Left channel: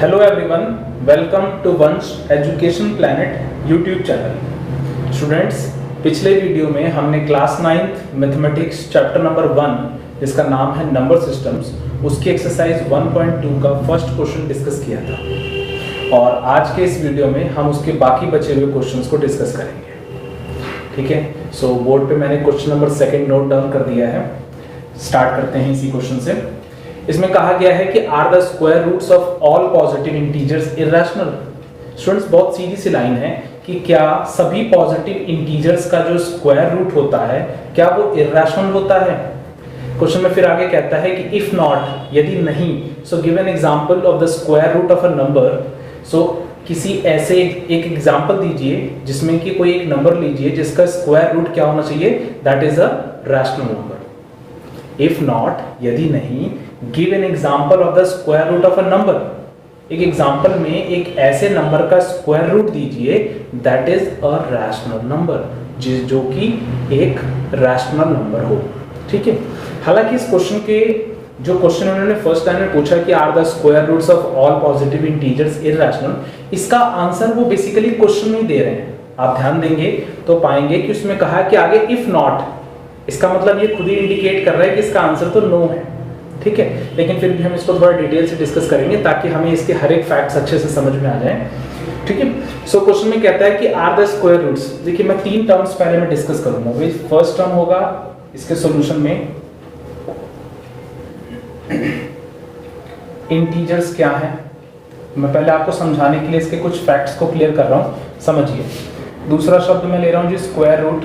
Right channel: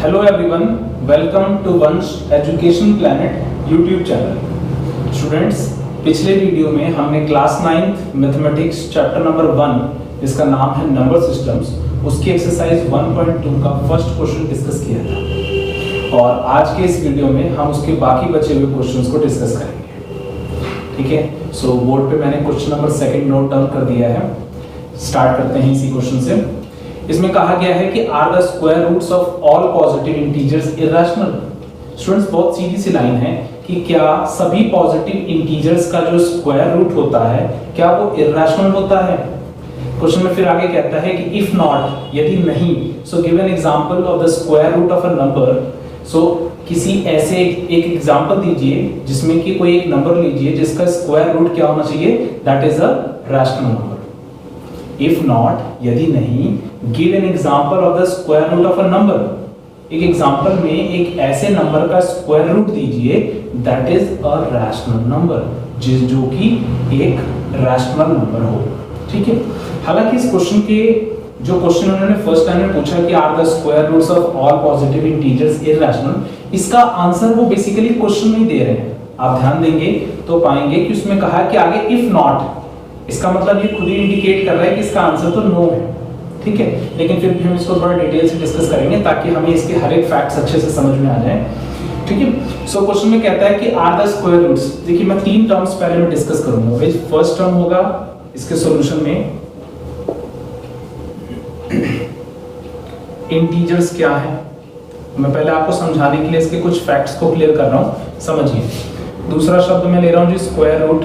Hello everyone, welcome to Vansh Education Planet YouTube channel. Students, पिछले video में हमने class 9 mathematics chapter number 1 जिसका नाम है नंबर सिस्टम्स, उसकी एक्सरसाइज 1.2 का फर्स्ट क्वेश्चन डिस्कस किया था और आज के इस वीडियो में हम उसके बाकी बचे हुए क्वेश्चंस को डिस्कस करेंगे। ठीक है, सो बोर्ड पे मैंने क्वेश्चन नंबर 2 नोट डाउन कर दिया है। स्टार्ट करते हैं इसी क्वेश्चन से। इसमें कहा गया है कि are the square roots of all positive integers irrational. Students, बहुत सीधी सी लाइन है कि क्या सभी पॉजिटिव इंटीजर्स का जो स्क्वायर रूट होता है क्या वो इररेशनल होता है। क्वेश्चन में फिर आगे कहता है कि इफ नॉट, यदि नहीं, so give an example of the square root of a number. So किसी ऐसे एक एग्जांपल दीजिए जिसमें कि कोई एक नंबर लीजिए जिसका स्क्वायर रूट क्या होना चाहिए, that is a rational number. If not, यदि नहीं, give an example of the square root of a number. एक एग्जांपल में एक ऐसे नंबर का स्क्वायर रूट दीजिए that is a rational number, जो कि एक रैशनल नंबर हो। ठीक है, हालांकि इस क्वेश्चन के जो क्वेश्चन उन्होंने फर्स्ट टाइम में पूछा कि are the square roots of all positive integers irrational, इसका आंसर वो बेसिकली क्वेश्चन में दे रहे हैं। आप ध्यान देंगे तो पाएंगे कि उसमें कहा है कि आगे इफ नॉट, इसका मतलब ये खुद ही इंडिकेट कर रहा है कि इसका आंसर तो नो है। ठीक है, लेकिन फिर भी हम इसको थोड़ा डिटेल से डिस्कस करेंगे ताकि हमें इसके हर एक फैक्ट्स अच्छे से समझ में आ जाए। ठीक है, सो क्वेश्चन में कहता है कि आर द स्क्वायर रूट्स। देखिए, मैं 3 टर्म्स पहले में डिस्कस करूंगा। फर्स्ट टर्म होगा इसके सॉल्यूशन में इंटीजर्स क्या है। मैं पहले आपको समझाने के लिए इसके कुछ फैक्ट्स को क्लियर कर रहा हूं, समझिए। दूसरा शब्द मैं ले रहा हूं जी स्क्वायर रूट,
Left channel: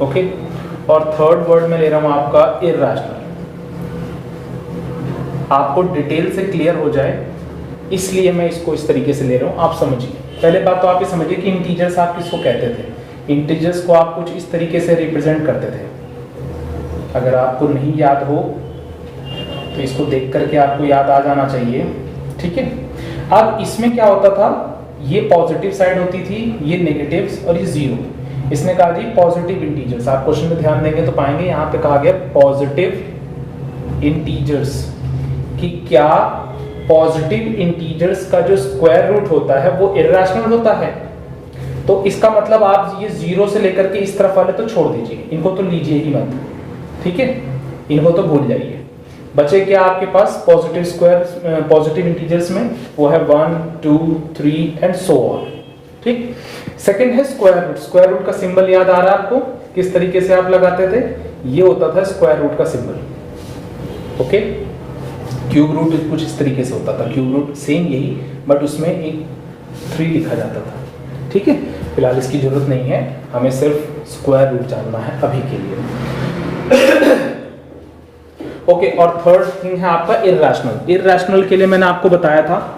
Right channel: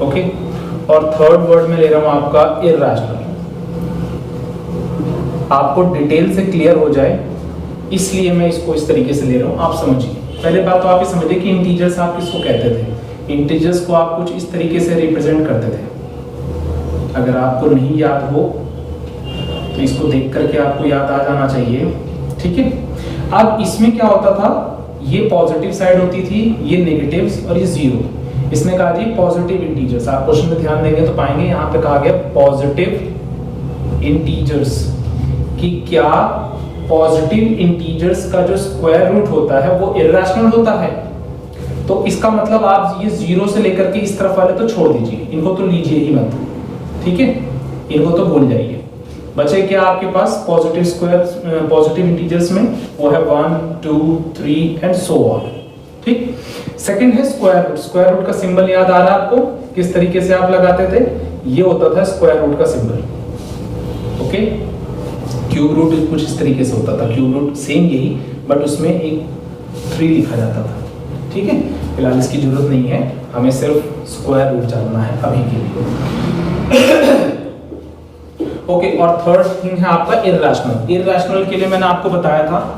ओके, और थर्ड वर्ड में ले रहा हूं आपका इररेशनल। आपको डिटेल से क्लियर हो जाए इसलिए मैं इसको इस तरीके से ले रहा हूं, आप समझिए। पहले बात तो आप ये समझिए कि इंटीजर्स आप किसको कहते थे। इंटीजर्स को आप कुछ इस तरीके से रिप्रेजेंट करते थे। अगर आपको नहीं याद हो तो इसको देख करके आपको याद आ जाना चाहिए। ठीक है, अब इसमें क्या होता था, ये पॉजिटिव साइड होती थी, ये नेगेटिव्स और ये जीरो। इसने कहा जी पॉजिटिव इंटीजर्स। आप क्वेश्चन में ध्यान देंगे तो पाएंगे यहां पे कहा गया पॉजिटिव इंटीजर्स, कि क्या पॉजिटिव इंटीजर्स का जो स्क्वायर रूट होता है वो इररेशनल होता है। तो इसका मतलब आप ये जीरो से लेकर के इस तरफ वाले तो छोड़ दीजिए, इनको तो लीजिए ही मत। ठीक है, इनको तो भूल जाइए। बचे क्या आपके पास पॉजिटिव स्क्वायर, पॉजिटिव इंटीजर्स में वो है 1 2 3 एंड सो ऑन। ठीक, सेकंड है स्क्वायर रूट। स्क्वायर रूट का सिंबल याद आ रहा है आपको, किस तरीके से आप लगाते थे, ये होता था स्क्वायर रूट का सिंबल। ओके, क्यूब रूट कुछ इस तरीके से होता था। क्यूब रूट सेम यही, बट उसमें एक 3 लिखा जाता था। ठीक है, फिलहाल इसकी जरूरत नहीं है, हमें सिर्फ स्क्वायर रूट जानना है अभी के लिए। ओके, और थर्ड थिंग है आपका इररेशनल। इररेशनल के लिए मैंने आपको बताया था,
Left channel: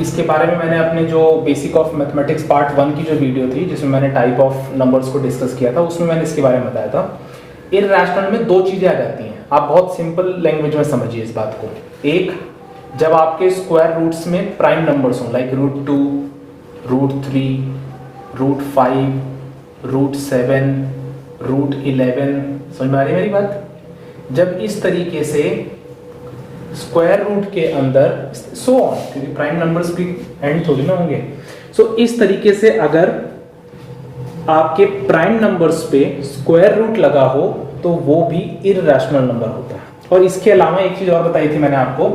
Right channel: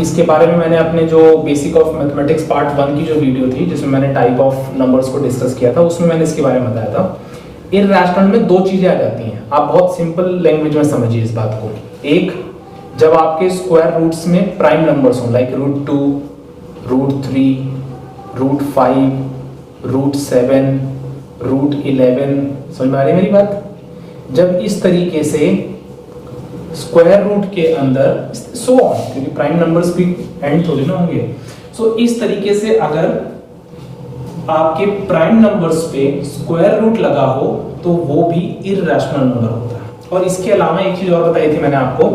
इसके बारे में मैंने अपने जो बेसिक ऑफ मैथमेटिक्स पार्ट 1 की जो वीडियो थी जिसमें मैंने टाइप ऑफ नंबर्स को डिस्कस किया था, उसमें मैंने इसके बारे में बताया था। इररेशनल में 2 चीजें आ जाती हैं, आप बहुत सिंपल लैंग्वेज में समझिए इस बात को। एक, जब आपके स्क्वायर रूट्स में प्राइम नंबर्स हो, लाइक √2, √3, √5, √7, √11। समझ में आ रही है मेरी बात। जब इस तरीके से स्क्वायर रूट के अंदर सो ऑन, क्योंकि प्राइम नंबर्स भी एंड थोड़ी ना होंगे, सो इस तरीके से अगर आपके प्राइम नंबर्स पे स्क्वायर रूट लगा हो तो वो भी इररेशनल नंबर होता है। और इसके अलावा एक चीज और बताई थी मैंने आपको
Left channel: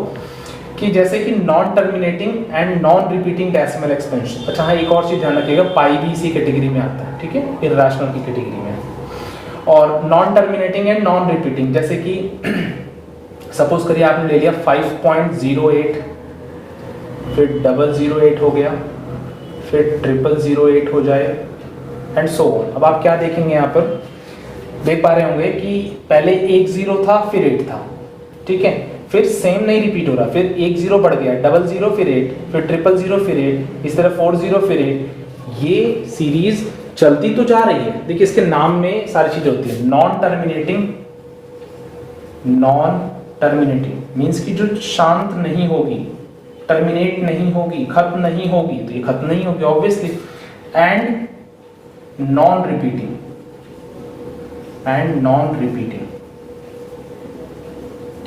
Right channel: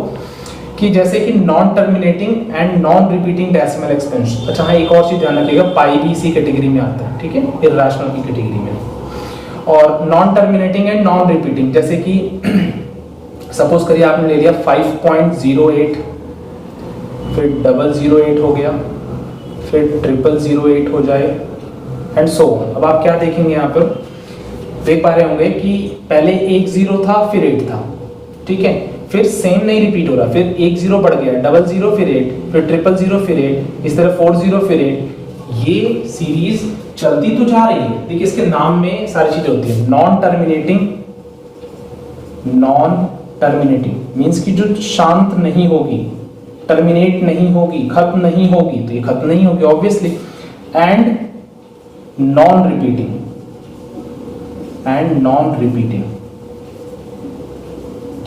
कि जैसे कि non terminating and non repeating decimal expansion. अच्छा हाँ, एक और चीज ध्यान रखिएगा, पाई भी इसी कैटेगरी में आता है। ठीक है, इररेशनल की कैटेगरी में। और non terminating and non repeating, जैसे कि सपोज करिए आपने ले लिया 5.08, फिर 008 हो गया, फिर 0008 हो जाए एंड सो ऑन। अब आप क्या देखेंगे, यहाँ पर देख पा रहे होंगे कि पहले एक 0 था, फिर 8 था। ठीक है, फिर सेम नहीं रिपीट हो रहा, फिर एक 0 बढ़ गया, 00 फिर 8, फिर 000 फिर 8, इस तरह 40 फिर 8। ये सीरीज चलती तो जा रही है। देखिए, इसके नाम में सारी चीजें होती है। Non terminating, non terminating means कि जो शांत नहीं होगी, टर्मिनेट नहीं होगी, खत्म नहीं होगी, तो ये खत्म नहीं होगी obviously. And non repeating, and non repeating.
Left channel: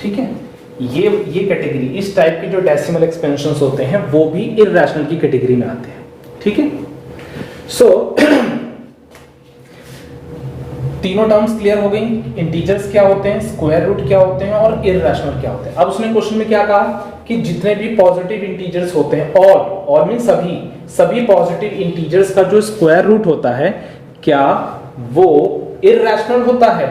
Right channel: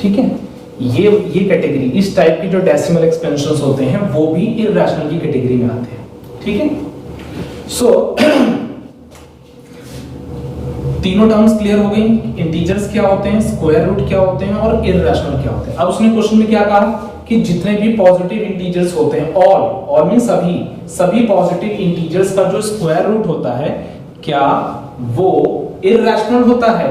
ठीक है, ये कैटेगरी, इस टाइप की जो डेसिमल एक्सपेंशंस होते हैं वो भी इररेशनल की कैटेगरी में आते हैं। ठीक है, सो तीनों टर्म्स क्लियर हो गई। इंटीजर्स क्या होते हैं, स्क्वायर रूट क्या होते हैं और इररेशनल क्या होते हैं। अब उसने क्वेश्चन में क्या कहा कि जितने भी पॉजिटिव इंटीजर्स होते हैं, ऑल मीन सभी पॉजिटिव इंटीजर्स का जो स्क्वायर रूट होता है क्या वो इररेशनल होता है।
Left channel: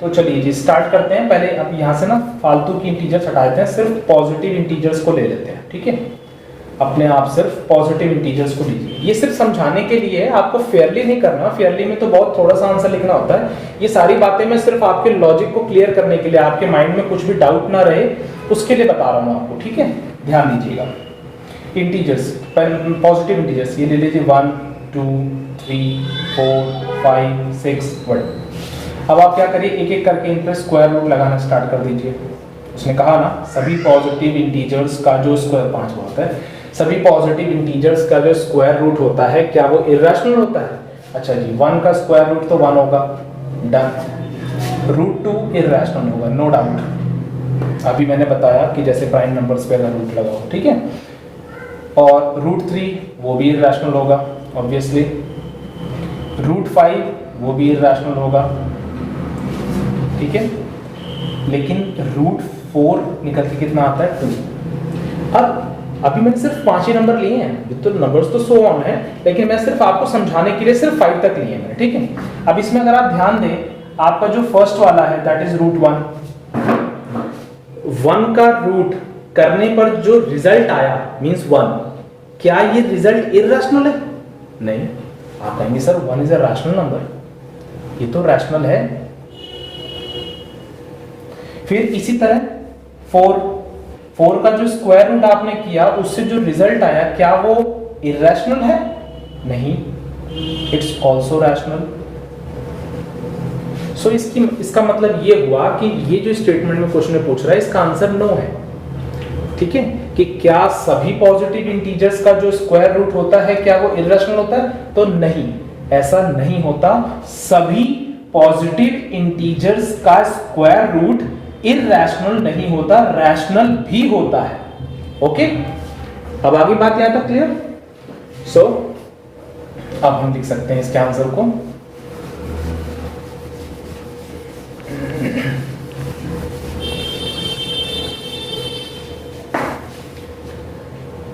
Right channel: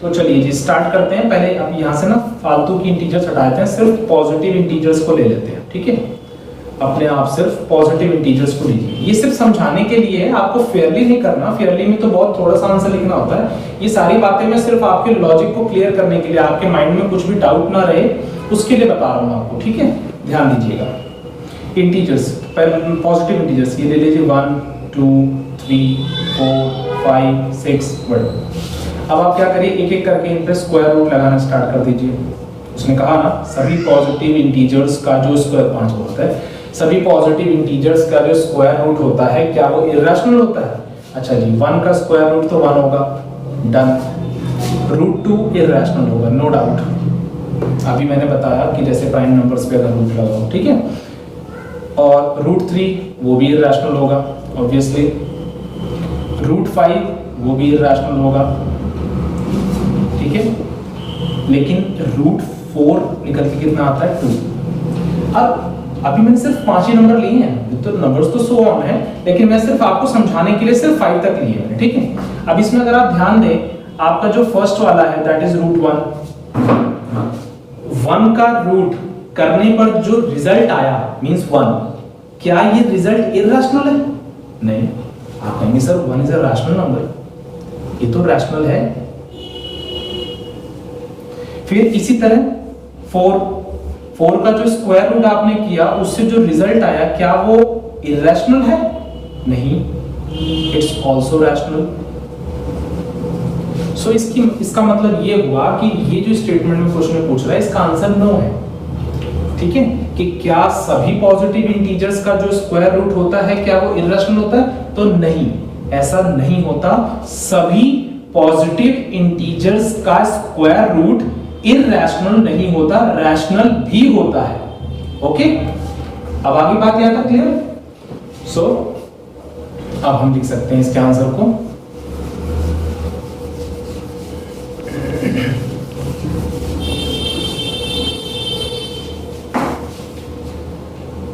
तो चलिए जी स्टार्ट करते हैं। पहले अब यहां से ना फालतू की इंटीजर्स हटा देते हैं, सिर्फ पॉजिटिव इंटीजर्स को ले लेते हैं। ठीक है, अपने आप सिर्फ पॉजिटिव इंटीजर्स को लीजिए। ये सिर्फ समझाने के लिए है, आपको फेयरली नहीं करना। फेयरली में तो बहुत थोड़ा सा आंसर लिखना होता है। ये सारी बातें मैं सिर्फ आपके लॉजिक को क्लियर करने के लिए, आपके माइंड में कुछ भी डाउट ना रहे उसके लिए बता रहा हूं आपको। ठीक है, ध्यान दीजिएगा। इंटीजर्स, पॉजिटिव इंटीजर्स ये ले लीजिए 1 2 3 4 5 6 1। अब आप क्या करिए, एक एक करके इन पे स्क्वायर रूट लगाना स्टार्ट कर दीजिए। उसने कहा ना सभी पॉजिटिव इंटीजर्स का जो स्क्वायर 5 होता है, सभी पॉजिटिव इंटीजर्स का जो स्क्वायर रूट होता है क्या वो इररेशनल होता है। अच्छा जी, 1 का स्क्वायर रूट तो 1 होगा, डन। √2 इररेशनल होगा, नो डाउट। अभी मैंने बताया कि जैसे प्राइम नंबर्स पे अगर रूट लगाओ, ठीक है। और √3 वो भी इररेशनल होगा ऑब्वियसली। √5 वो भी इररेशनल होगा, ठीक है। लेकिन √4 निकल के कितना आता है 2। अब अभी मैंने सिर्फ 5 ही नंबर लिए हैं, तो नंबर्स तो सो ऑन है, लेकिन मैं सिर्फ आपको समझाने के लिए सिर्फ 5 तक लिए हैं। ठीक है, अब इसमें अगर आप ध्यान दें, आपका जो फर्स्ट वाला है दैट इज √1, 1 का रूट करने पर जो रिजल्ट आया मींस 1, क्या ये रिजल्ट इररेशनल है? नहीं। आप कहेंगे sir 1 is a rational number, ये तो रैशनल है। फिर इसी तरह 4 का जो स्क्वायर रूट आपने किया उससे जो रिजल्ट आया क्या वो इररेशनल है? नहीं, इट्स ऑल्सो रैशनल। सो इसका मतलब ये हुआ कि ये जो स्टेटमेंट में क्वेश्चन पूछ रहा है इसका आंसर नो है। ठीक है, कि क्या सभी पॉजिटिव इंटीजर्स का जो स्क्वायर रूट होता है क्या वो इररेशनल होता है? तो नहीं, ऐसा नहीं होता। सभी पॉजिटिव इंटीजर्स का स्क्वायर रूट इररेशनल नहीं होता, रैशनल भी होता है। ओके, अब आगे बात यहां तक क्लियर? सो अब हम लिख सकते हैं इसके आंसर को।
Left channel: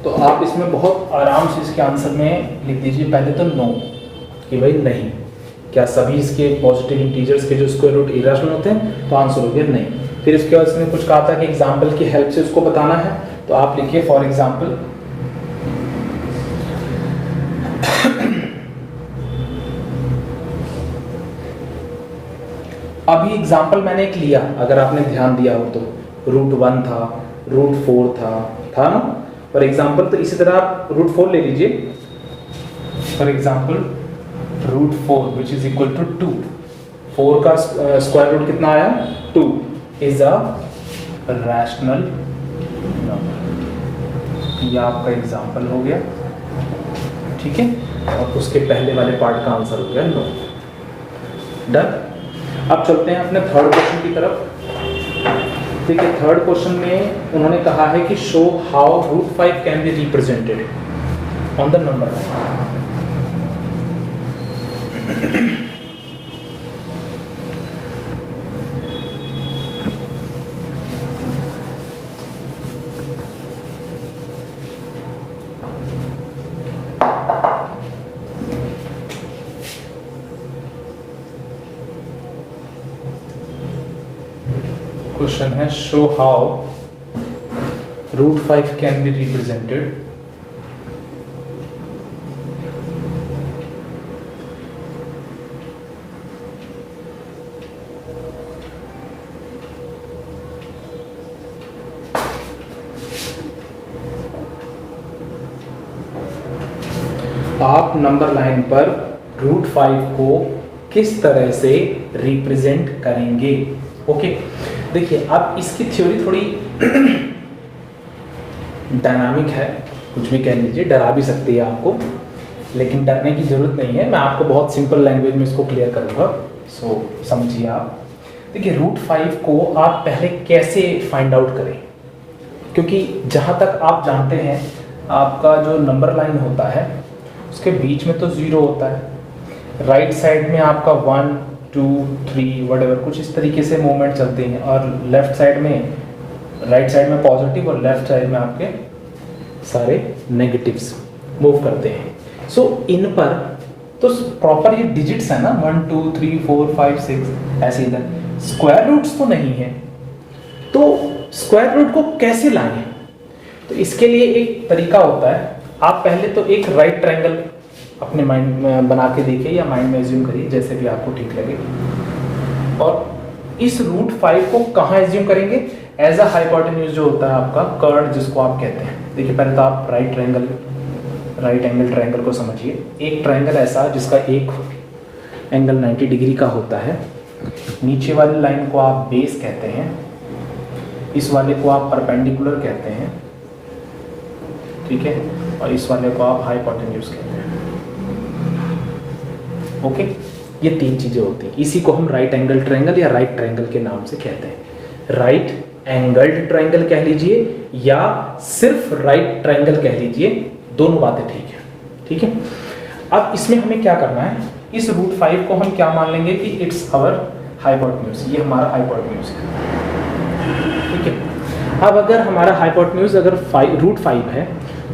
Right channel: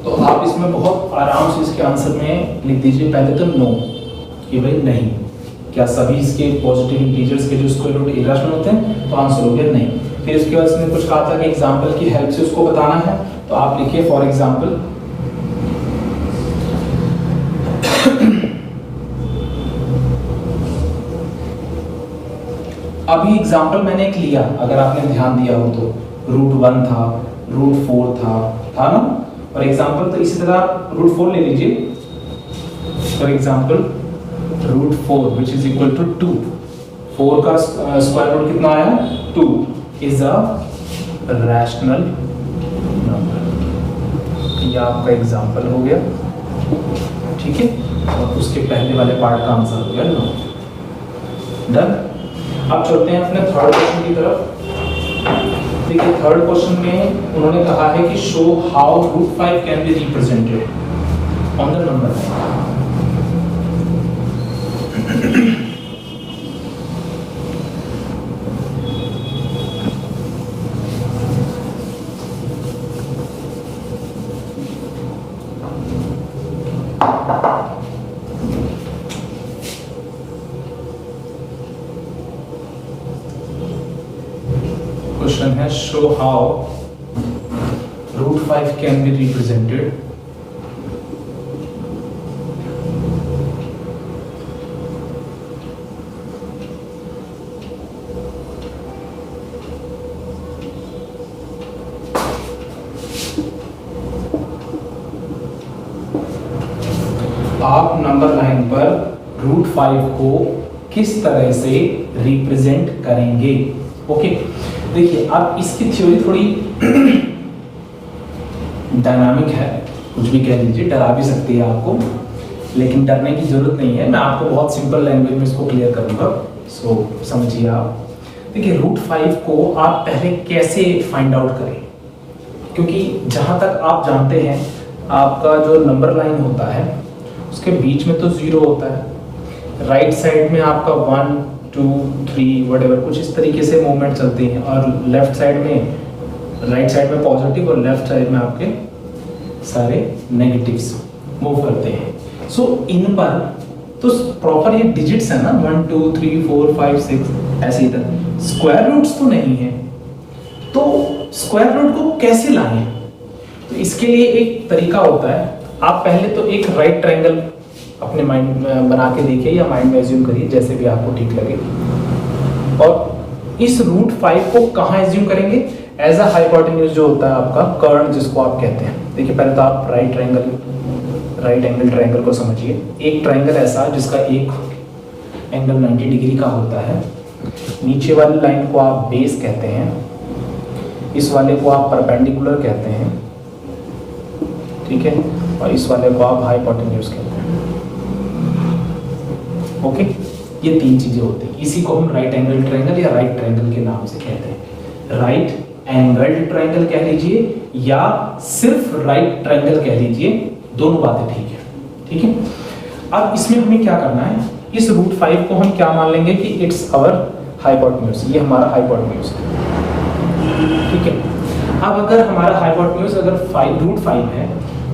तो आप इसमें बहुत आराम से इसके आंसर में लिख दीजिए पहले तो नो, कि भाई नहीं, क्या सभी इसके पॉजिटिव इंटीजर्स के जो स्क्वायर रूट इररेशनल होते हैं? तो आंसर हो गया नहीं। फिर इसके बाद इसने कुछ कहा था कि एग्जाम्पल की हेल्प से उसको बताना है, तो आप लिखिए फॉर एग्जाम्पल अभी एग्जाम्पल मैंने एक लिया, अगर आपने ध्यान दिया हो तो √1 था, √4 था ना फॉर एग्जाम्पल। तो इसी तरह आप √4 ले लीजिए for example, √4 which is equal to 2। 4 का स्क्वायर रूट कितना आया? 2 इज अ रैशनल नंबर। ये आपका एग्जाम्पल हो गया, ठीक है। और उसके पहले वाले पार्ट का आंसर हो गया नो। डन। अब चलते हैं अपने थर्ड क्वेश्चन की तरफ। ठीक है, थर्ड क्वेश्चन में उन्होंने कहा है कि show how √5 can be represented on the number line. Question है show how √5 can be represented आप नंबर लाइन पर √5 को किस तरह से रिप्रेजेंट करेंगे। ओके, देखिए अब इसकी थ्योरी थोड़ी डायनामिक है, कुछ भी कह लीजिए, डरा भी सकती है आपको, लेकिन डरने की जरूरत नहीं है। मैं आपको बहुत सिंपल लैंग्वेज में इसको क्लियर करूंगा, सो समझिए आप। देखिए √5 को आप पहले कैसे फाइंड आउट करें, क्योंकि जहां तक आप जानते हैं आपका जो नंबर लाइन होता है उसके बीच में तो 0 होता है, राइट साइड में आपका 1 2 3 वटेवर कुछ इस तरीके से मूवमेंट चलते हैं, और लेफ्ट साइड में, राइट साइड में पॉजिटिव और लेफ्ट साइड में आपके सारे नेगेटिव्स मूव करते हैं। सो इन पर तो प्रॉपर ये डिजिट्स है ना 1 2 3 4 5 6 ऐसे इधर, स्क्वायर रूट्स तो नहीं है, तो स्क्वायर रूट को कैसे लाएं? तो इसके लिए एक तरीका होता है, आप पहले तो एक राइट ट्रायंगल अपने माइंड में बना के देखिए या माइंड में एज्यूम करिए जैसे भी आपको ठीक लगे, और इस रूट 5 को कहाँ एज्यूम करेंगे? एज अ हाइपोटेन्यूज जो होता है आपका कर्व जिसको आप कहते हैं। देखिए पहले तो आप राइट एंगल ट्रायंगल को समझिए। एक ट्रायंगल ऐसा जिसका एक एंगल 90 डिग्री का होता है, नीचे वाली लाइन को आप बेस कहते हैं, इस वाले को आप परपेंडिकुलर कहते हैं, ठीक है, और इस वाले को आप हाइपोटेन्यूज कहते हैं। ओके, ये 3 चीजें होती हैं, इसी को हम राइट एंगल ट्रायंगल या राइट ट्रायंगल के नाम से कहते हैं। राइट एंगल ट्रायंगल कह लीजिए या सिर्फ राइट ट्रायंगल कह लीजिए, दोनों बातें ठीक है, ठीक है। अब इसमें हमें क्या करना है, इस रूट 5 को हम क्या मान लेंगे कि इट्स आवर हाइपोटेन्यूज, ये हमारा हाइपोटेन्यूज है, ठीक है। अब अगर हमारा हाइपोटेन्यूज अगर रूट 5 है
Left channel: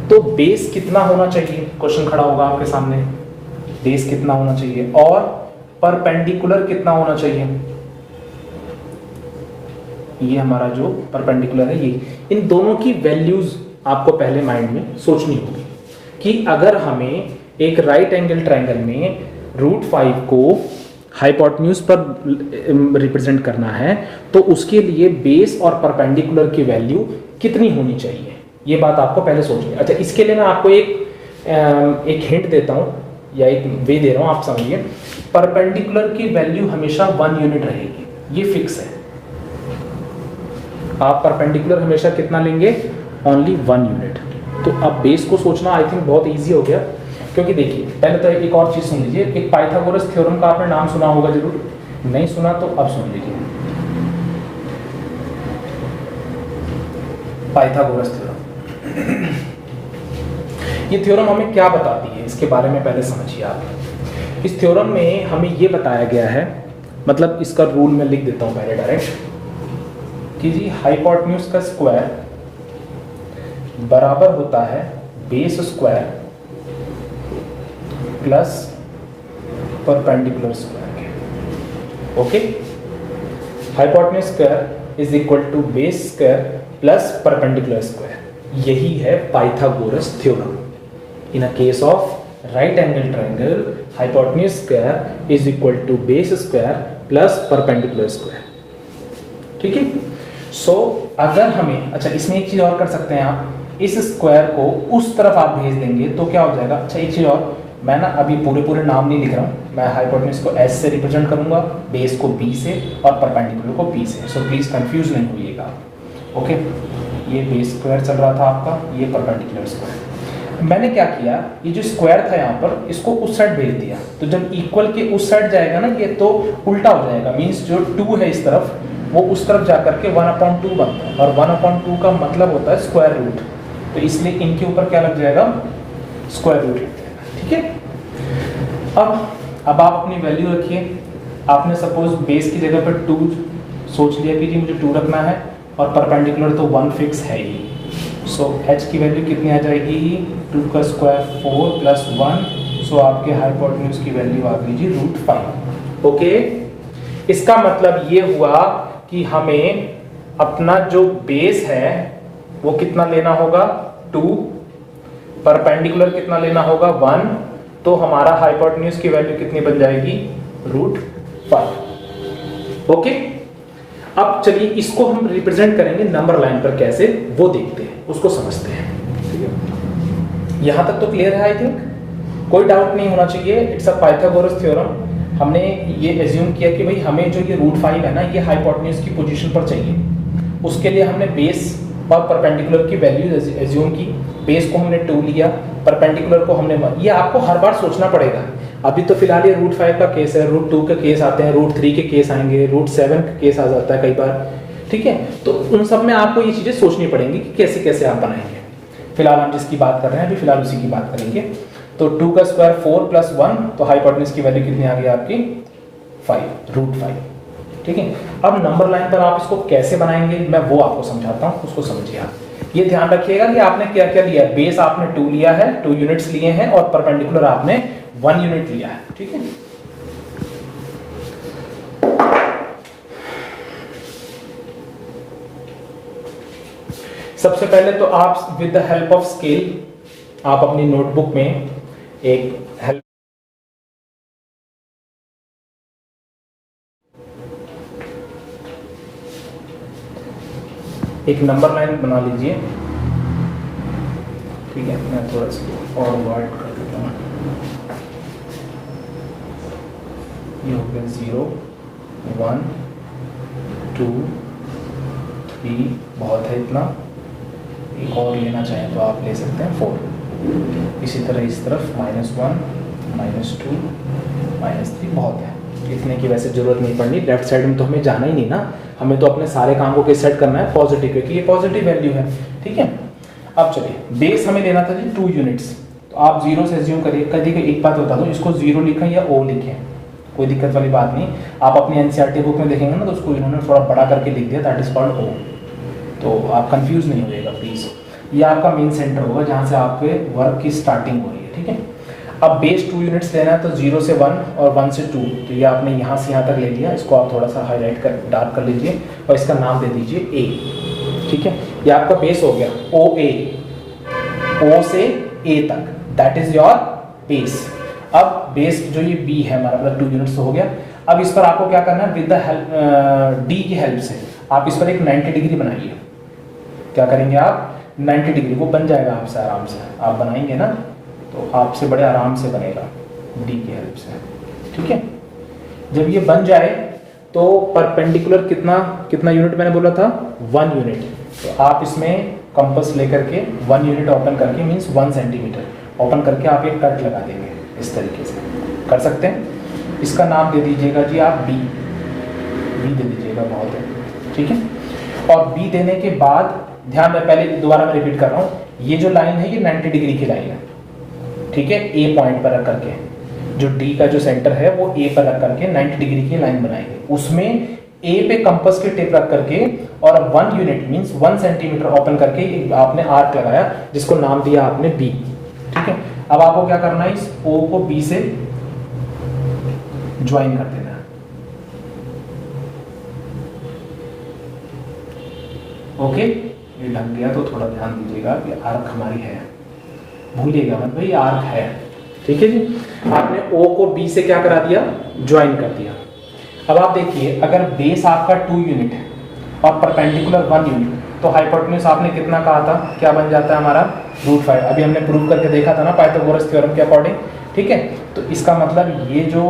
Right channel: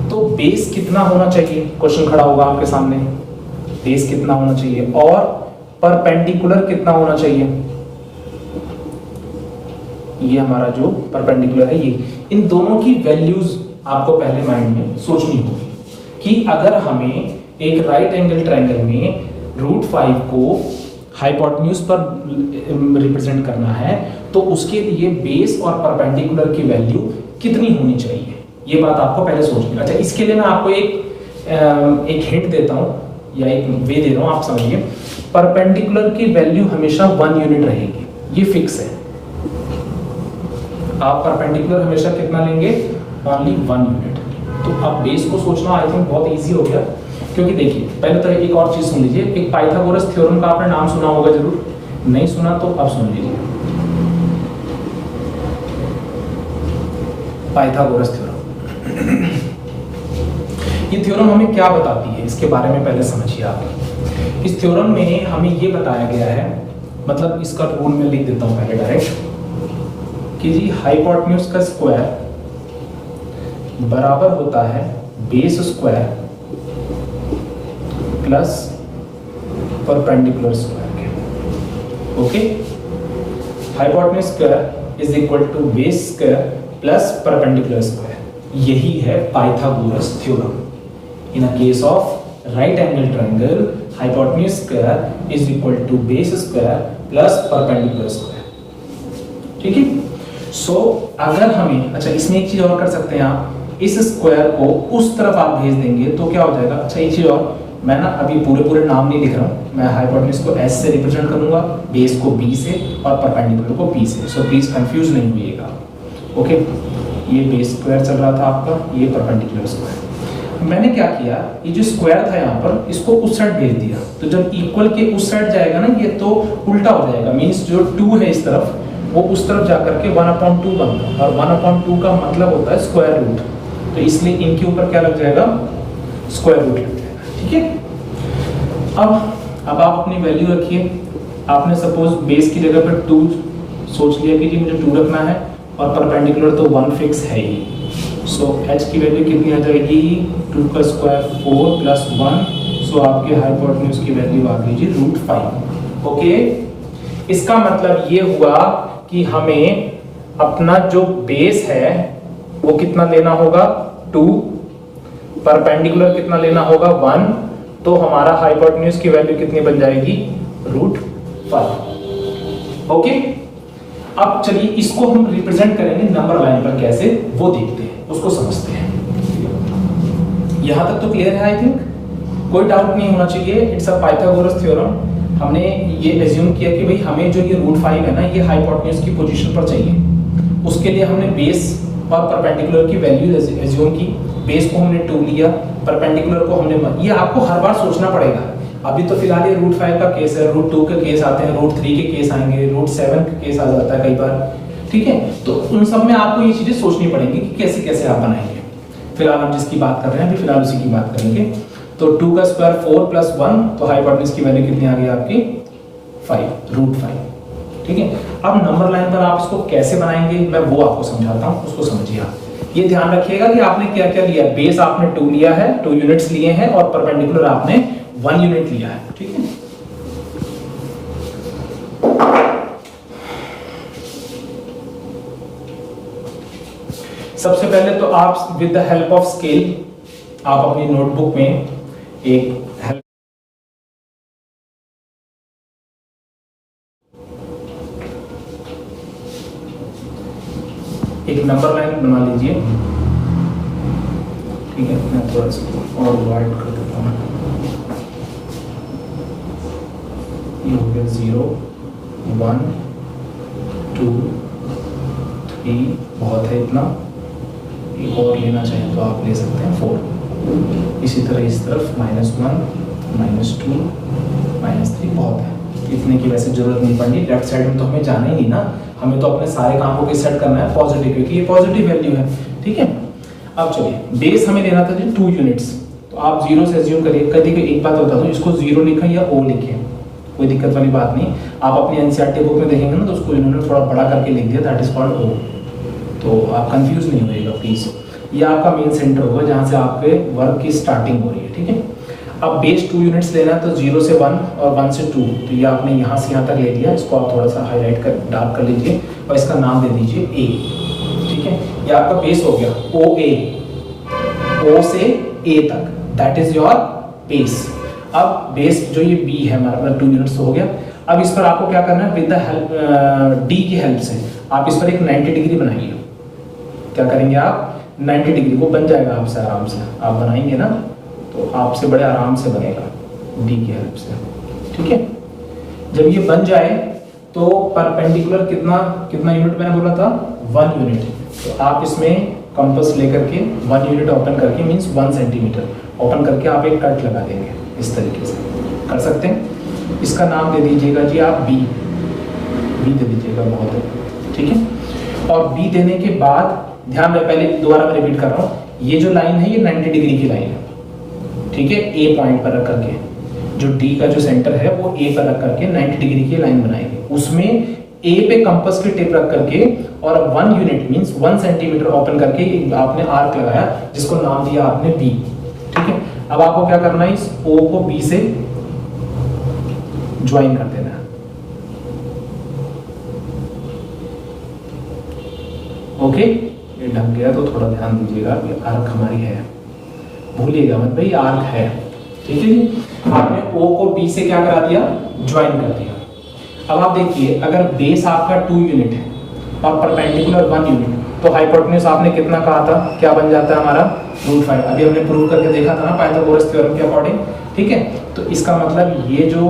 तो बेस कितना होना चाहिए? क्वेश्चन खड़ा होगा आपके सामने, बेस कितना होना चाहिए और परपेंडिकुलर कितना होना चाहिए? ये हमारा जो परपेंडिकुलर है, ये इन दोनों की वैल्यूज आपको पहले माइंड में सोचनी होगी कि अगर हमें एक राइट एंगल ट्रायंगल में रूट 5 को हाइपोटेन्यूज पर रिप्रेजेंट करना है तो उसके लिए बेस और परपेंडिकुलर की वैल्यू कितनी होनी चाहिए, ये बात आपको पहले सोचनी है। अच्छा, इसके लिए मैं आपको एक हिंट देता हूं या एक वे दे रहा हूं, आप समझिए। परपेंडिकुलर की वैल्यू हमेशा 1 यूनिट रहेगी, ये फिक्स है। आप परपेंडिकुलर हमेशा कितना लेंगे? Only 1 unit. तो अब बेस को सोचना आई थिंक बहुत इजी हो गया, क्योंकि देखिए पहले तो एक और चीज सुन लीजिए, एक पाइथागोरस थ्योरम का आपने नाम सुना होगा जरूर, नहीं सुना तो अब सुन लीजिए। पाइथागोरस थ्योरम, ये थ्योरम हमें क्या बताती है इसके बारे में पहले समझिए आप। इस थ्योरम में हमें ये बताया गया है, मतलब इसका रूल में लिख देता हूं पहले डायरेक्ट, कि जी हाइपोटेन्यूज का स्क्वायर बराबर होता है base square plus perpendicular square के। Okay, hypotenuse square is equal to base square plus perpendicular square. यही है Pythagoras theorem. In a case of right angle triangle, hypotenuse square is equal to base square plus perpendicular square, ठीक है। सो अगर हमें, अच्छा इसमें एक चीज और कर सकते हैं आप, इस स्क्वायर को उस तरफ आप भेज देंगे तो क्या हो जाएगा? अच्छा एक चीज और, मैं ना अभी पूरे नाम नहीं लिख रहा हूँ, मैं हाइपोटेन्यूज को S से रिप्रेजेंट करूंगा, बेस को B से और परपेंडिकुलर को P से। सो प्लीज कंफ्यूज नहीं होइएगा। ओके, ये बेस स्क्वायर चल रहा था आपका, ये परपेंडिकुलर स्क्वायर। मैंने क्या किया, ये जो स्क्वायर था यहाँ पर, इसको उस साइड भेज दिया, तो जब इक्वल के उस साइड जाएगा ना ये, तो उल्टा हो जाएगा। मीन्स जो 2 है इस तरफ, वो उस तरफ जाकर के 1/2 बनता है, और 1/2 का मतलब होता है स्क्वायर रूट, तो इसलिए इनके ऊपर क्या लग जाएगा? स्क्वायर रूट लग जाएगा, ठीक है। अब आप अपनी वैल्यू रखिए। आपने सपोज बेस की जगह पर 2 सोच लिया कि जी मुझे 2 रखना है, और परपेंडिकुलर तो 1 फिक्स है ही। सो h की वैल्यू कितनी आ जाएगी? 2 का स्क्वायर 4 प्लस 1। सो आपके हाइपोटेन्यूज की वैल्यू आ गई जी √5। ओके, इसका मतलब ये हुआ कि हमें अपना जो बेस है वो कितना लेना होगा? 2, परपेंडिकुलर कितना लेना होगा? 1, तो हमारा हाइपोटेन्यूज की वैल्यू कितनी बन जाएगी? √5। ओके, अब चलिए इसको हम रिप्रेजेंट करेंगे नंबर लाइन पर कैसे, वो देखते हैं, उसको समझते हैं। यहां तक तो क्लियर है आई थिंक, कोई डाउट नहीं होना चाहिए। It's a Pythagoras theorem. हमने ये एज्यूम किया कि भाई हमें जो ये √5 है ना, ये हाइपोटेन्यूज की पोजीशन पर चाहिए। उसके लिए हमने बेस और परपेंडिकुलर की वैल्यू एज्यूम की। बेस को हमने 2 लिया, परपेंडिकुलर को हमने 1। ये आपको हर बार सोचना पड़ेगा। अभी तो फिलहाल ये √5 का केस है, √2 के केस आते हैं, √3 के केस आएंगे, √7 के केस आ जाता है कई बार। ठीक है, तो उन सब में आपको ये चीजें सोचनी पड़ेंगी कि कैसे कैसे आप बनाएंगे। फिलहाल हम जिसकी बात कर रहे हैं अभी फिलहाल उसी की बात करेंगे। तो 2 का स्क्वायर 4 प्लस 1, तो हाइपोटेन्यूज की वैल्यू कितनी आ गई आपकी 5, √5। ठीक है, अब नंबर लाइन पर आप इसको कैसे बनाएंगे मैं वो आपको समझाता हूँ, उसको समझिए आप। ये ध्यान रखिएगा कि आपने क्या क्या लिया है। बेस आपने 2 लिया है, 2 यूनिट्स लिए हैं, और परपेंडिकुलर आपने 1 यूनिट लिया है। ठीक है, सबसे पहले तो आप with the help of scale आप अपनी नोटबुक में एक नंबर लाइन बना लीजिए। ठीक है, मैं थोड़ा सा और वाइड कर देता हूँ। ये हो गया 0, 1, 2, 3, बहुत है इतना। एक और लेना चाहें तो आप ले सकते हैं 4। इसी तरह इस तरफ -1, -2, -3 बहुत है, इतने की वैसे जरूरत नहीं पड़नी। लेफ्ट साइड में तो हमें जाना ही नहीं ना, हमें तो अपने सारे कामों को सेट करना है पॉजिटिव, क्योंकि ये पॉजिटिव वैल्यू है। ठीक है, अब चलिए बेस हमें लेना था जी 2 यूनिट्स, तो आप 0 से एज्यूम करिए। कभी कोई एक बात बता दो, इसको 0 लिखें या O लिखें, कोई दिक्कत वाली बात नहीं। आप अपनी एनसीईआरटी बुक में देखेंगे ना, तो उसको इन्होंने थोड़ा बड़ा करके लिख दिया, दैट इज कॉल्ड O। तो आप कंफ्यूज नहीं होइएगा प्लीज। ये आपका मेन सेंटर होगा जहां से आपके वर्क की स्टार्टिंग हो रही है। ठीक है, अब बेस 2 यूनिट्स लेना है, तो 0 से 1 और 1 से 2, तो ये आपने यहाँ से यहाँ तक ले लिया। इसको आप थोड़ा सा हाईलाइट कर डार्क कर लीजिए और इसका नाम दे दीजिए A। ठीक है, ये आपका बेस हो गया OA, O से A तक, दैट इज योर बेस। अब बेस जो ये B है हमारा, मतलब 2 यूनिट्स हो गया। अब इस पर आपको क्या करना है, विद द हेल्प D की हेल्प से आप इस पर एक 90 डिग्री बनाइए। क्या करेंगे आप, 90 डिग्री को बन जाएगा आपसे आराम से, आप बनाएंगे ना तो आपसे बड़े आराम से बनेगा डी की हेल्प से। ठीक है, जब ये बन जाए तो परपेंडिकुलर कितना यूनिट मैंने बोला था, 1 यूनिट। तो आप इसमें कंपास लेकर के 1 यूनिट ओपन करके, मींस 1 सेंटीमीटर ओपन करके आप एक कट लगा देंगे। इस तरीके से कर सकते हैं। इसका नाम दे दीजिएगा जी आप बी दे दीजिएगा, बहुत है। ठीक है, और बी देने के बाद ध्यान में, पहले दोबारा मैं रिपीट कर रहा हूँ, ये जो लाइन है ये 90 डिग्री की लाइन है। ठीक है, ए पॉइंट पर रख करके, जो डी का जो सेंटर है वो ए पर रख करके 90 डिग्री की लाइन बनाएंगे। उसमें ए पे कंपास की टिप रख करके और 1 यूनिट मींस 1 सेंटीमीटर ओपन करके आपने आर्क लगाया, जिसको नाम दिया आपने बी। ठीक है, अब आपको क्या करना है, इस ओ को बी से ज्वाइन कर देना है। ओके, ये ढंग गया तो थोड़ा ध्यान दीजिएगा, ये आर्क हमारी है, भूलिएगा मत भाई, आर्क है। ठीक है जी, आपने O को B से क्या करा दिया, ज्वाइन कर दिया। अब आप देखिए, अगर बेस आपका 2 यूनिट है और परपेंडिकुलर 1 यूनिट, तो हाइपोटेन्यूज आपने कितना कहा था, क्या बन जाता है हमारा √5। अभी हमने प्रूव करके देखा था ना पाइथागोरस थ्योरम के अकॉर्डिंग। ठीक है, तो इसका मतलब ये जो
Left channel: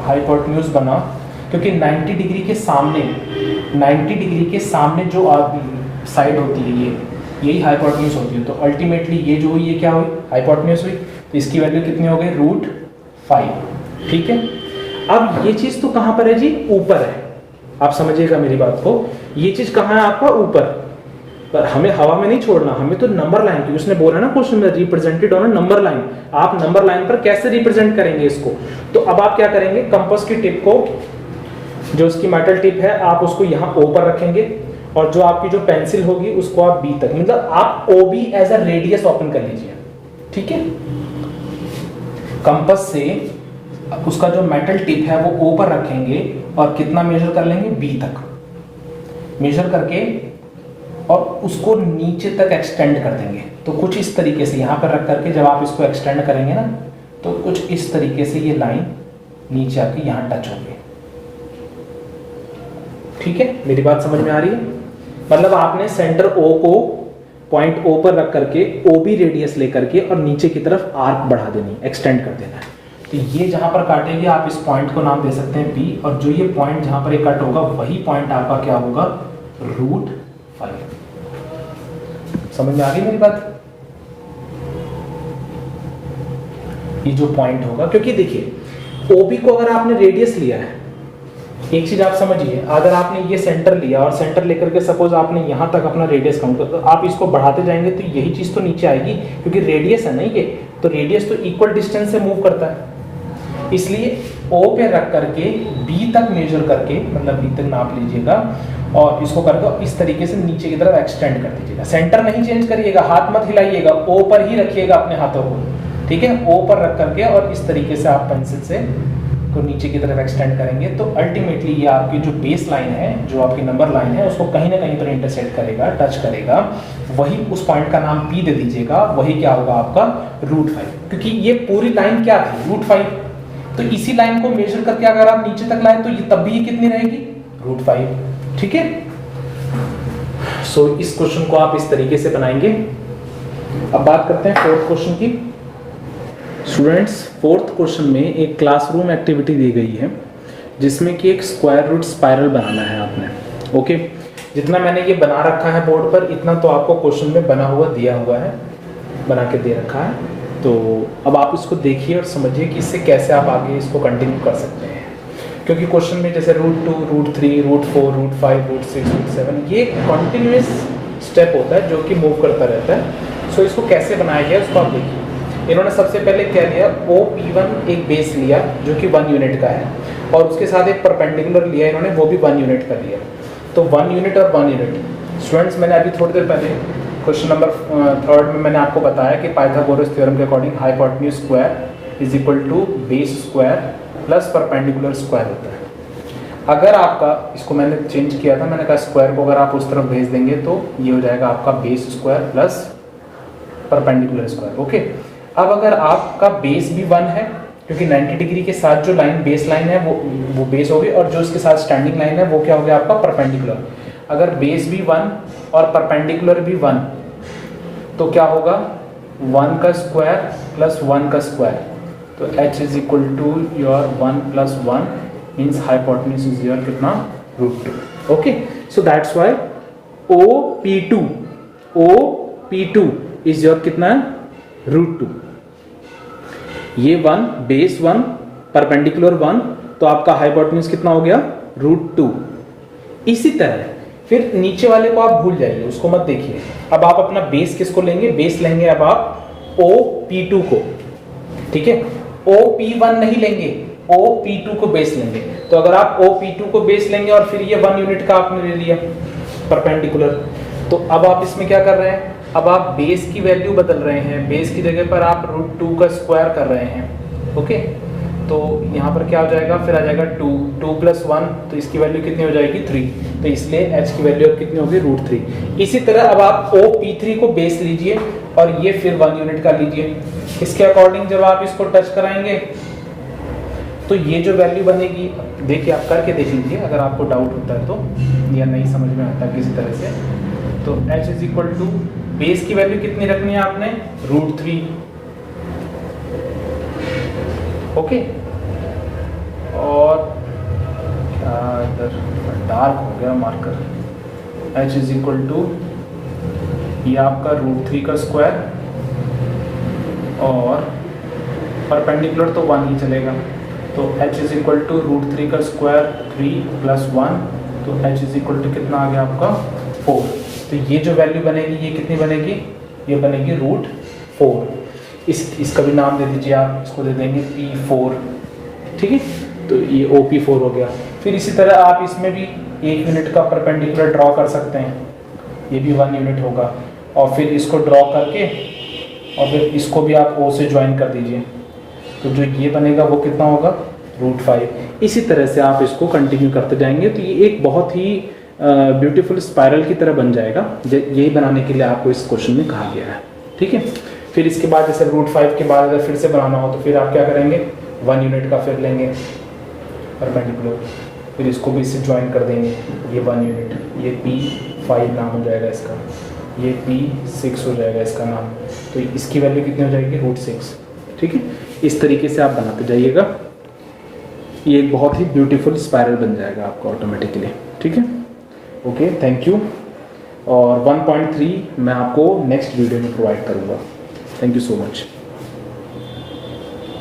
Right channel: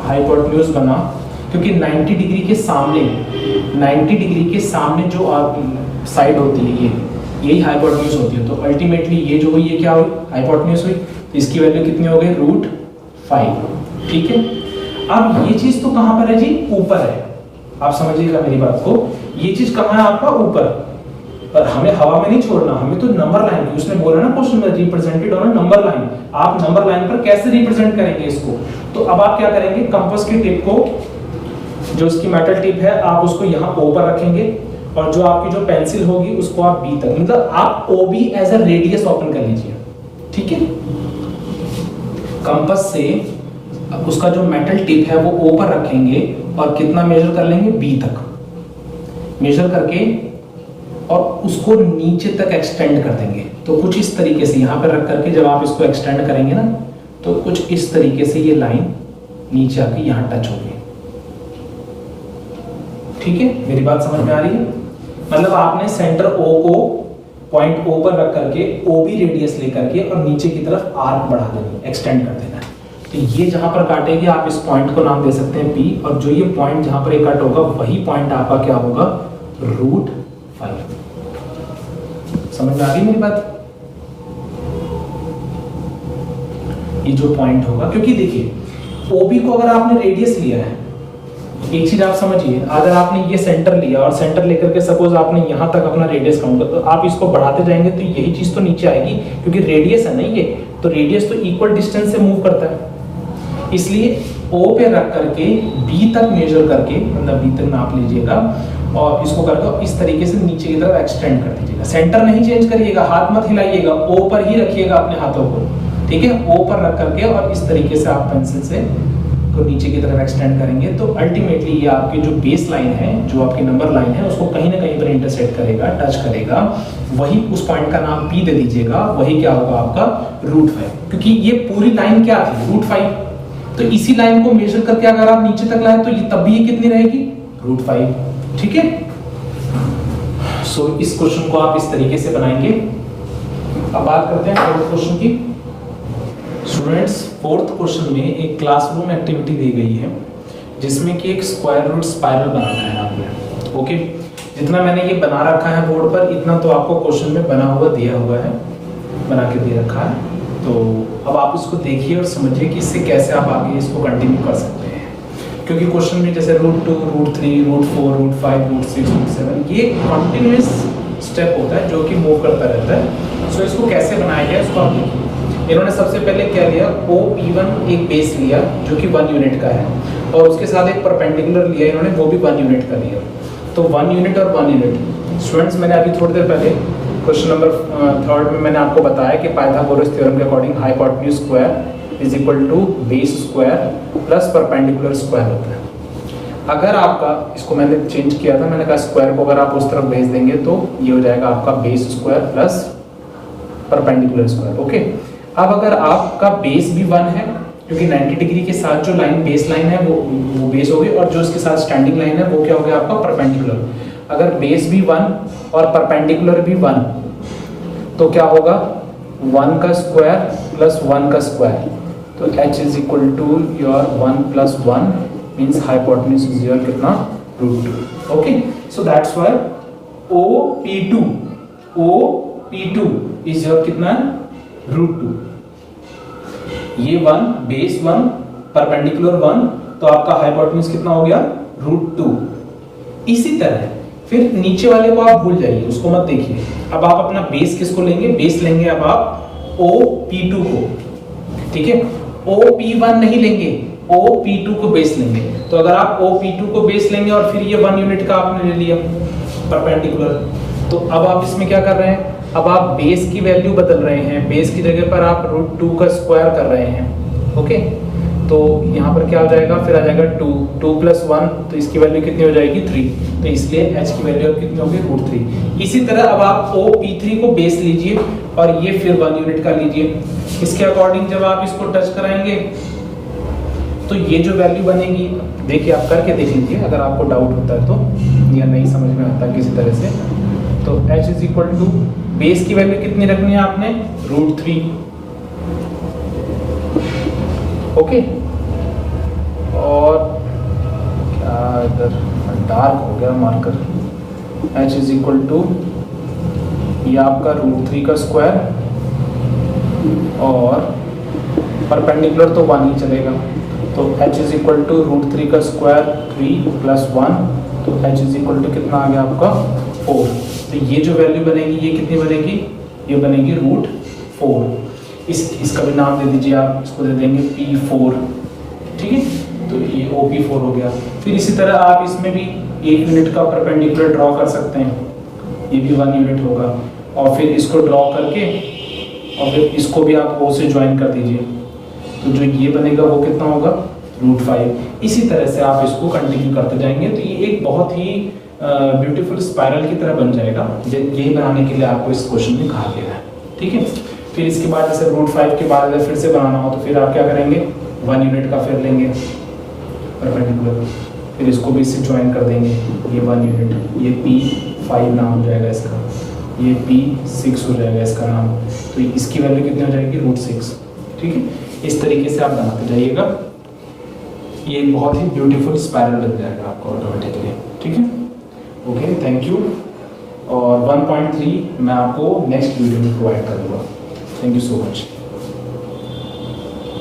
हाइपोटेन्यूज बना, क्योंकि 90 डिग्री के सामने जो साइड होती है यही हाइपोटेन्यूज होती है। तो अल्टीमेटली ये जो हुई, ये क्या हुई, हाइपोटेन्यूज हुई। तो इसकी वैल्यू कितनी हो गई, √5। ठीक है, अब ये चीज तो कहां पर है जी, ऊपर है। आप समझिएगा मेरी बात को, ये चीज कहां है आपका, ऊपर। पर हमें हवा में नहीं छोड़ना, हमें तो नंबर लाइन, उसने बोला ना क्वेश्चन में, रिप्रेजेंटेड ऑन नंबर लाइन। आप नंबर लाइन पर कैसे रिप्रेजेंट करेंगे इसको, तो अब आप क्या करेंगे, कंपास की टिप को, जो उसकी मेटल टिप है, आप उसको यहाँ O पर रखेंगे, और जो आपकी जो पेंसिल होगी उसको आप B तक, मतलब आप OB as a radius open कर लीजिए। ठीक है, कंपास से उसका जो मेटल टिप है वो O पर रखेंगे और कितना मेजर कर लेंगे, B तक मेजर करके, और उसको नीचे तक एक्सटेंड कर देंगे। तो कुछ इस तरीके से यहाँ पर रख करके जब आप इसको एक्सटेंड करेंगे ना, तो कुछ इस तरीके से ये लाइन नीचे आके यहाँ टच होगी। ठीक है, मेरी बात समझ में आ रही है। मतलब आपने सेंटर O को पॉइंट O पर रख करके OB रेडियस लेकर के और नीचे की तरफ आर्क बढ़ा देनी, एक्सटेंड कर देना। तो ये जहां पर काटेगी आप इस पॉइंट को नाम दे सकते हैं P, और जो ये पॉइंट जहां पर ये कट होगा वही पॉइंट आपका क्या होगा, √5। समझ में आ गई मेरी बात। ये जो पॉइंट होगा, क्योंकि देखिए OB को अगर आपने रेडियस लिया है, एक चीज आप समझिए, अगर आपने ये सेंटर लिया और सेंटर लेकर के सपोज आपने यहाँ तक अपना रेडियस काउंट कर, तो आप इसको बढ़ाते जाएंगे तो यही चीज तो नीचे आएगी, क्योंकि रेडियस है ना ये, तो रेडियस तो इक्वल डिस्टेंस से मूव करता है। इसलिए O पे रख करके B तक मेजर करके, मतलब B तक नाप लीजिएगा और इसको करके इस तरीके से नीचे की तरफ एक्सटेंड कर दीजिएगा। सेंटर नहीं चेंज करिएगा, हाथ मत हिलाइएगा, O पर ही रखिएगा अपने हाथों को, ठीक है। O पर रख करके और इस तरीके से आप पेंसिल से तो नीचे की तरफ एक्सटेंड करेंगे, तो अल्टीमेटली ये आपकी जो बेस लाइन है, जो आपकी नंबर लाइन है, उसको कहीं ना कहीं पर इंटरसेक्ट करेगा, टच करेगा। वही उस पॉइंट का नाम P दे दीजिएगा, वही क्या होगा आपका √5, क्योंकि ये पूरी लाइन क्या थी √5, तो इसी लाइन को मेजर करके अगर आप नीचे तक लाए तो ये तब भी कितनी रहेगी √5, ठीक है। सो इस क्वेश्चन को आप इस तरीके से बनाएंगे। अब बात करते हैं फोर्थ क्वेश्चन की। स्टूडेंट्स, फोर्थ क्वेश्चन में एक क्लासरूम एक्टिविटी दी गई है जिसमें कि एक स्क्वायर रूट स्पाइरल बनाना है आपने। ओके, जितना मैंने ये बना रखा है बोर्ड पर, इतना तो आपको क्वेश्चन में बना हुआ दिया हुआ है, बना के दे रखा है। तो अब आप इसको देखिए और समझिए कि इससे कैसे आप आगे इसको कंटिन्यू कर सकते हैं, क्योंकि क्वेश्चन में जैसे √2, √3, √4, √5, √6, √7 ये कॉन्टिन्यूस स्टेप होता है जो कि मूव करता रहता है। सो इसको कैसे बनाया गया उसको आप देखिए। इन्होंने सबसे पहले क्या लिया, OP1 एक बेस लिया जो कि 1 यूनिट का है, और उसके साथ एक परपेंडिकुलर लिया इन्होंने, वो भी 1 यूनिट का लिया। तो 1 यूनिट और 1 यूनिट। स्टूडेंट्स, मैंने अभी थोड़ी देर पहले क्वेश्चन नंबर 3 में मैंने आपको बताया कि पाइथागोरस थ्योरम के according hypotenuse square is equal to base square plus perpendicular square होता है। अगर आपका, इसको मैंने चेंज किया था, मैंने कहा स्क्वायर को अगर आप उस तरफ भेज देंगे तो ये हो जाएगा आपका base square plus perpendicular square. Okay, अब अगर आपका बेस भी 1 है, क्योंकि 90 डिग्री के साथ जो लाइन बेस लाइन है वो बेस होगी, और जो इसके साथ स्टैंडिंग लाइन है वो क्या हो गया आपका परपेंडिकुलर। अगर बेस भी 1 और परपेंडिकुलर भी 1, तो क्या होगा 1 का स्क्वायर प्लस 1 का स्क्वायर, तो h is equal to your 1 plus 1 means hypotenuse is your कितना √2। Okay, so that's why OP2 is your कितना √2। ये 1 बेस 1 परपेंडिकुलर 1, तो आपका हाइपोटेन्यूज कितना हो गया √2। इसी तरह फिर नीचे वाले को आप भूल जाइए, उसको मत देखिए। अब आप अपना बेस किसको लेंगे, बेस लेंगे अब आप OP2 को, ठीक है। OP1 नहीं लेंगे, OP2 को बेस लेंगे। तो अगर आप OP2 को बेस लेंगे और फिर ये 1 यूनिट का आपने ले लिया परपेंडिकुलर, तो अब आप इसमें क्या कर रहे हैं, अब आप बेस की वैल्यू बदल रहे हैं, बेस की जगह पर आप √2 का स्क्वायर कर रहे हैं। ओके, तो यहाँ पर क्या हो जाएगा, फिर आ जाएगा 2 प्लस 1, तो इसकी वैल्यू कितनी हो जाएगी 3, तो इसलिए h की वैल्यू अब कितनी होगी √3। इसी तरह अब आप OP3 को बेस लीजिए और ये फिर 1 यूनिट का लीजिए। इसके अकॉर्डिंग जब आप इसको टच कराएंगे तो ये जो वैल्यू बनेगी, देखिए आप करके देख लीजिए अगर आपको डाउट होता है तो, या नहीं समझ में आता किसी तरह से, तो h is equal to base की वैल्यू कितनी रखनी है आपने √3। ओके, और क्या इधर डार्क हो गया marker, h is equal to ये आपका √3 का स्क्वायर, और परपेंडिकुलर तो 1 ही चलेगा, तो h इज इक्वल टू √3 का स्क्वायर 3 प्लस 1, तो h इज इक्वल टू कितना आ गया आपका 4। तो ये जो वैल्यू बनेगी ये कितनी बनेगी, ये बनेगी √4। इसका भी नाम दे दीजिए आप, इसको दे देंगे P4, ठीक है। तो ये OP4 हो गया। फिर इसी तरह आप इसमें भी 1 यूनिट का परपेंडिकुलर ड्रॉ कर सकते हैं, ये भी 1 यूनिट होगा, और फिर इसको ड्रॉ करके और फिर इसको भी आप O से ज्वाइन कर दीजिए, तो जो ये बनेगा वो कितना होगा √5। इसी तरह से आप इसको कंटिन्यू करते जाएंगे, तो ये एक बहुत ही ब्यूटीफुल स्पाइरल की तरह बन जाएगा। यही बनाने के लिए आपको इस क्वेश्चन में कहा गया है, ठीक है। फिर इसके बाद जैसे √5 के बाद अगर फिर से बनाना हो तो फिर आप क्या करेंगे, 1 यूनिट का फिर लेंगे परपेंडिकुलर, फिर इसको भी इससे ज्वाइन कर देंगे, ये 1 यूनिट, ये P5 नाम हो जाएगा इसका, ये P6 हो जाएगा इसका नाम, तो इसकी वैल्यू कितनी हो जाएगी √6, ठीक है। इस तरीके से आप बनाते जाइएगा, ये एक बहुत ही ब्यूटीफुल स्पाइरल बन जाएगा आपका ऑटोमेटिकली, ठीक है। Okay, thank you. और 1.3 मैं आपको नेक्स्ट वीडियो में प्रोवाइड करूँगा। Thank you so much.